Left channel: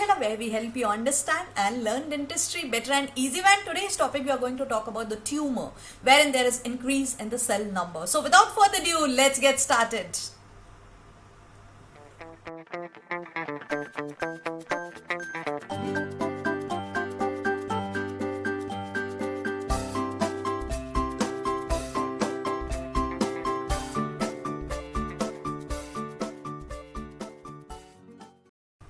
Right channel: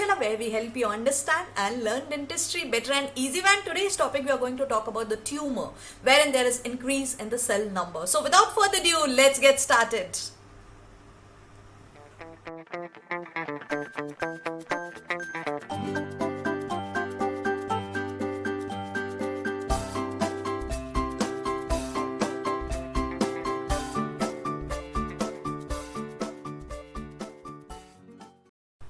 Pathshala, where we help you understand and learn dentistry better and easy. And today's topic we are going to talk about the tumor, wherein there is increase in the cell number. So without further ado, let's get started.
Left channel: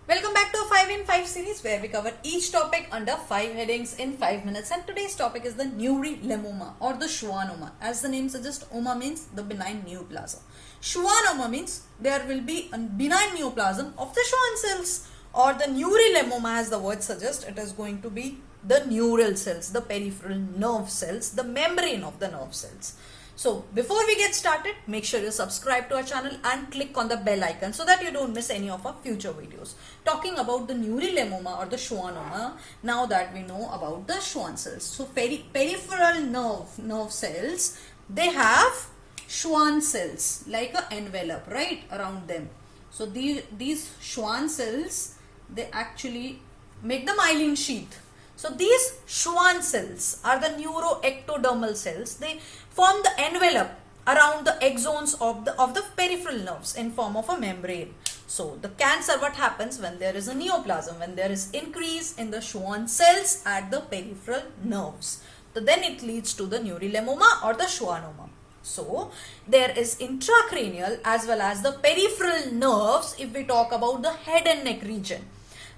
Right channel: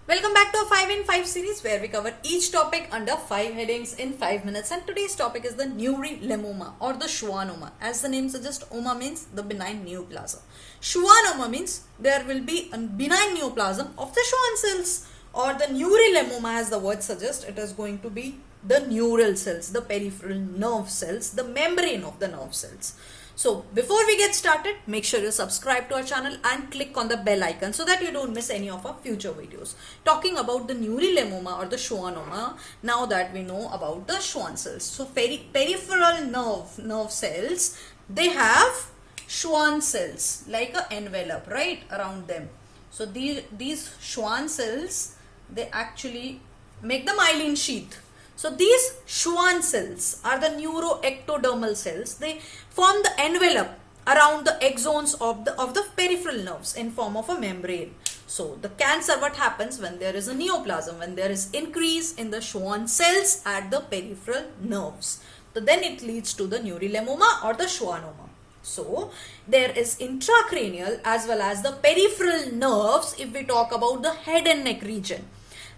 Welcome back to our 5 in 5 series where we cover each topic under 5 headings in 5 minutes, and today's topic is the neurilemoma or the schwannoma. As the name suggests, oma means the benign neoplasm. Schwannoma means there will be a benign neoplasm of the Schwann cells, or the neurilemoma, as the word suggests, it is going to be the neural cells, the peripheral nerve cells, the membrane of the nerve cells. So before we get started, make sure you subscribe to our channel and click on the bell icon so that you don't miss any of our future videos. Talking about the neurilemoma or the schwannoma, now that we know about the Schwann cells. So peripheral nerve cells, they have Schwann cells like an envelope right around them. So these Schwann cells, they actually make the myelin sheath. So these Schwann cells are the neuroectodermal cells. They form the envelope around the axons of the peripheral nerves in form of a membrane. So the cancer, what happens when there is a neoplasm, when there is increase in the Schwann cells at the peripheral nerves. So then it leads to the neurilemoma or the schwannoma. So there is intracranial as well as the peripheral nerves if we talk about the head and neck region.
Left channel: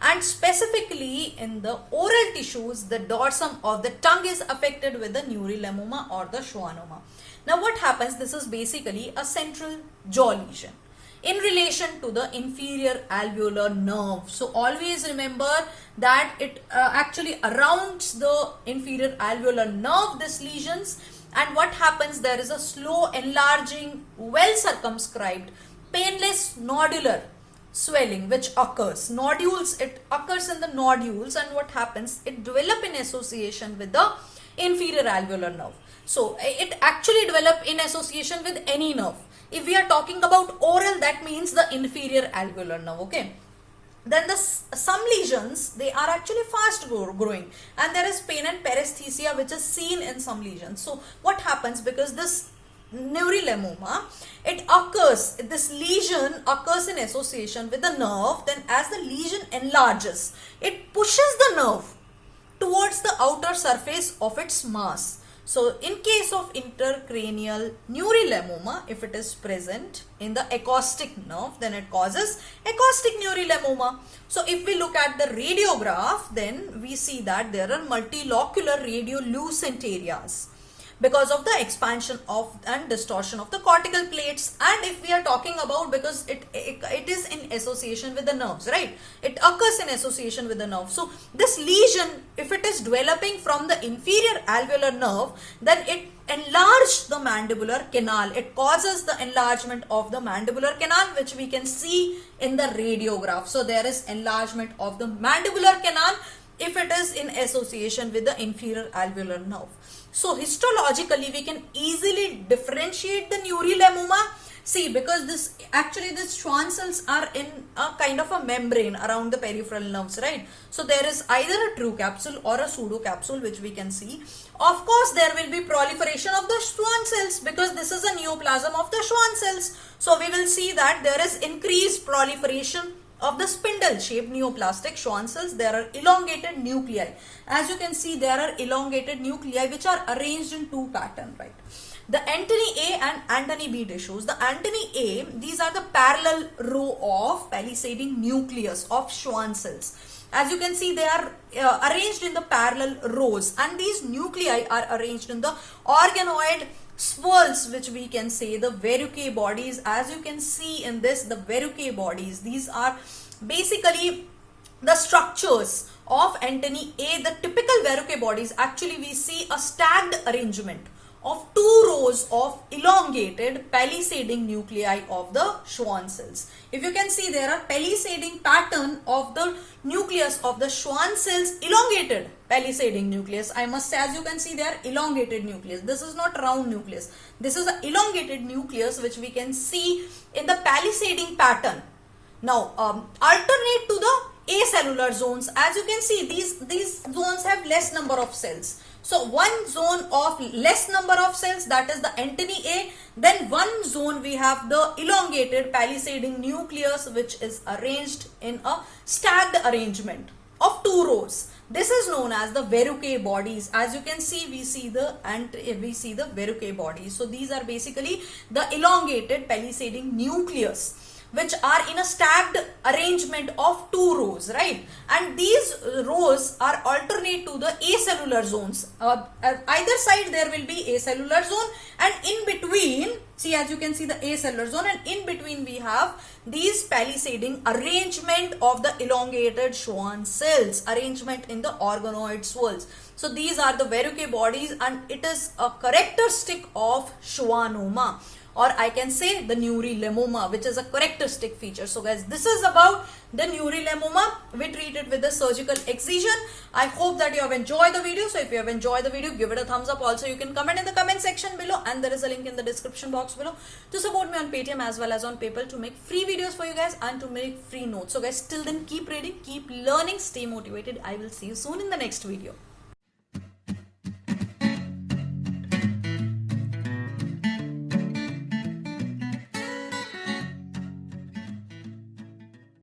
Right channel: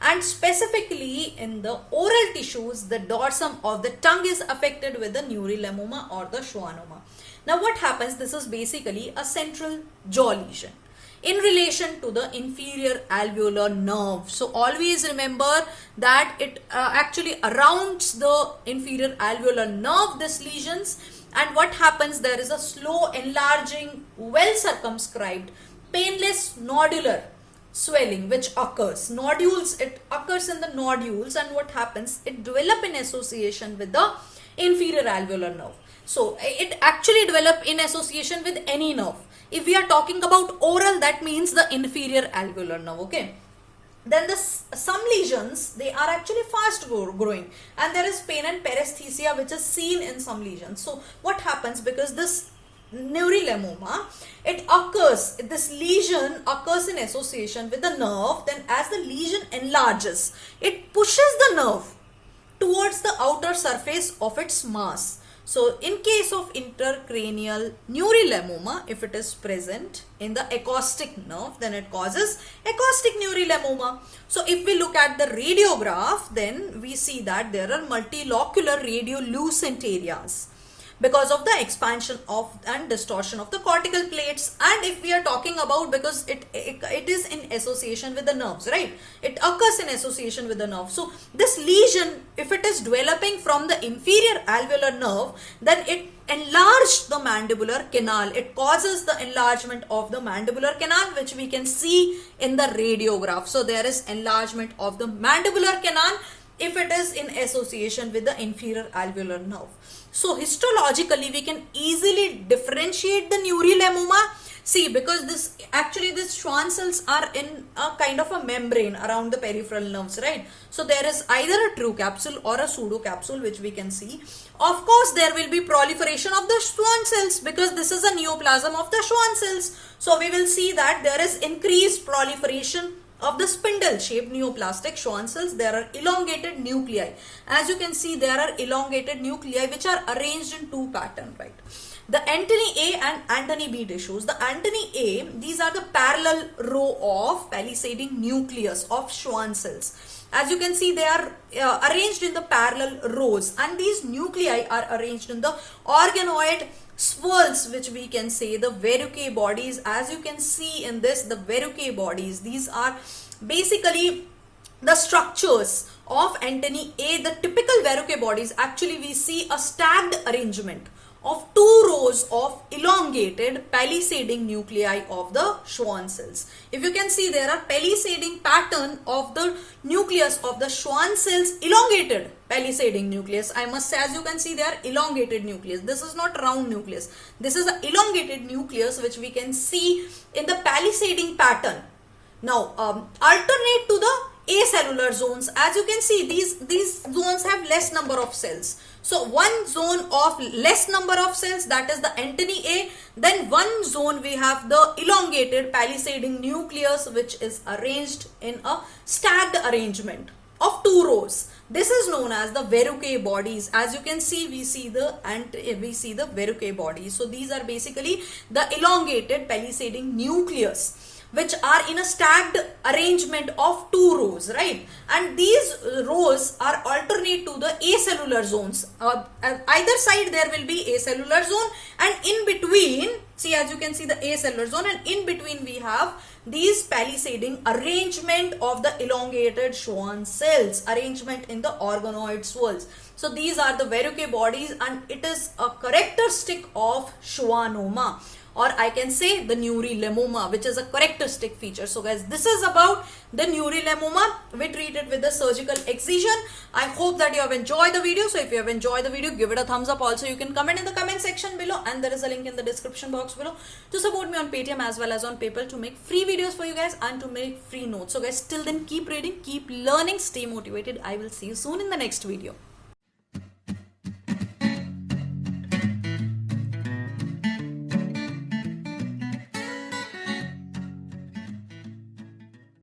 And specifically in the oral tissues, the dorsum of the tongue is affected with the neurilemoma or the schwannoma. Now what happens? This is basically a central jaw lesion in relation to the inferior alveolar nerve. So always remember that it actually surrounds the inferior alveolar nerve, these lesions. And what happens? There is a slow enlarging, well circumscribed, painless nodular swelling which occurs. Nodules, it occurs in the nodules, and what happens? It develop in association with the inferior alveolar nerve. So it actually develop in association with any nerve. If we are talking about oral, that means the inferior alveolar nerve, okay? Then some lesions, they are actually fast growing, and there is pain and paresthesia which is seen in some lesions. So what happens? Because this neurilemoma, it occurs, this lesion occurs in association with the nerve. Then as the lesion enlarges, it pushes the nerve towards the outer surface of its mass. So in case of intracranial neurilemoma, if it is present in the acoustic nerve, then it causes acoustic neurilemoma. So if we look at the radiograph, then we see that there are multilocular radiolucent areas because of the expansion of and distortion of the cortical plates. And if we are talking about, because it is in association with the nerves, right? It occurs in association with the nerve. So this lesion, if it is developing from the inferior alveolar nerve, then it enlarged the mandibular canal. It causes the enlargement of the mandibular canal, which we can see in the radiograph. So there is enlargement of the mandibular canal if it is in association with the inferior alveolar nerve. So histologically, we can easily differentiate the neurilemoma. See, because these Schwann cells are in a kind of a membrane around the peripheral nerves, right? So there is either a true capsule or a pseudo capsule, which we can see. Of course, there will be proliferation of the Schwann cells because this is a neoplasm of the Schwann cells. So we will see that there is increased proliferation of the spindle-shaped neoplastic Schwann cells. There are elongated nuclei. As you can see, there are elongated nuclei which are arranged in two patterns, right? The antennae A and antennae B tissues. The antennae A, these are the parallel row of palisading nucleus of Schwann cells. As you can see, they are arranged in the parallel rows, and these nuclei are arranged in the organoid swirls, which we can say the verrucae bodies. As you can see in this, the verrucae bodies, these are basically the structures of antennae A. The typical verrucae bodies, actually we see a stacked arrangement of two rows of elongated palisading nuclei of the Schwann cells. If you can see, there are palisading pattern of the nucleus of the Schwann cells, elongated palisading nucleus. I must say, as you can see, they are elongated nucleus. This is not round nucleus. This is an elongated nucleus which we can see in the palisading pattern. Now, alternate to the acellular zones. As you can see, these zones have less number of cells. So one zone of less number of cells, that is the Antony A. Then one zone we have the elongated palisading nucleus, which is arranged in a stacked arrangement of two rows. This is known as the Verrucay bodies. As you can see, we see the Verrucay bodies. So these are basically the elongated palisading nucleus, which are in a stacked arrangement of two rows, right? And these rows are alternate to the acellular zones. Either side there will be acellular zone, and in between, see, as you can see the acellular zone, and in between we have these palisading arrangement of the elongated Schwann cells, arrangement in the organoid swirls. So these are the Verrucay bodies, and it is a characteristic of schwannoma, or I can say the neurilemoma, which is a characteristic feature. So guys, this is about the neurilemoma. We treat it with the surgical excision. I hope that you have enjoyed the video. So if you have enjoyed the video, give it a thumbs up. Also, you can comment in the comment section below, and there is a link in the description box below to support me on Paytm as well as on PayPal to make free videos for you guys and to make free notes. So guys, till then, keep reading, keep learning, stay motivated. I will see you soon in the next video.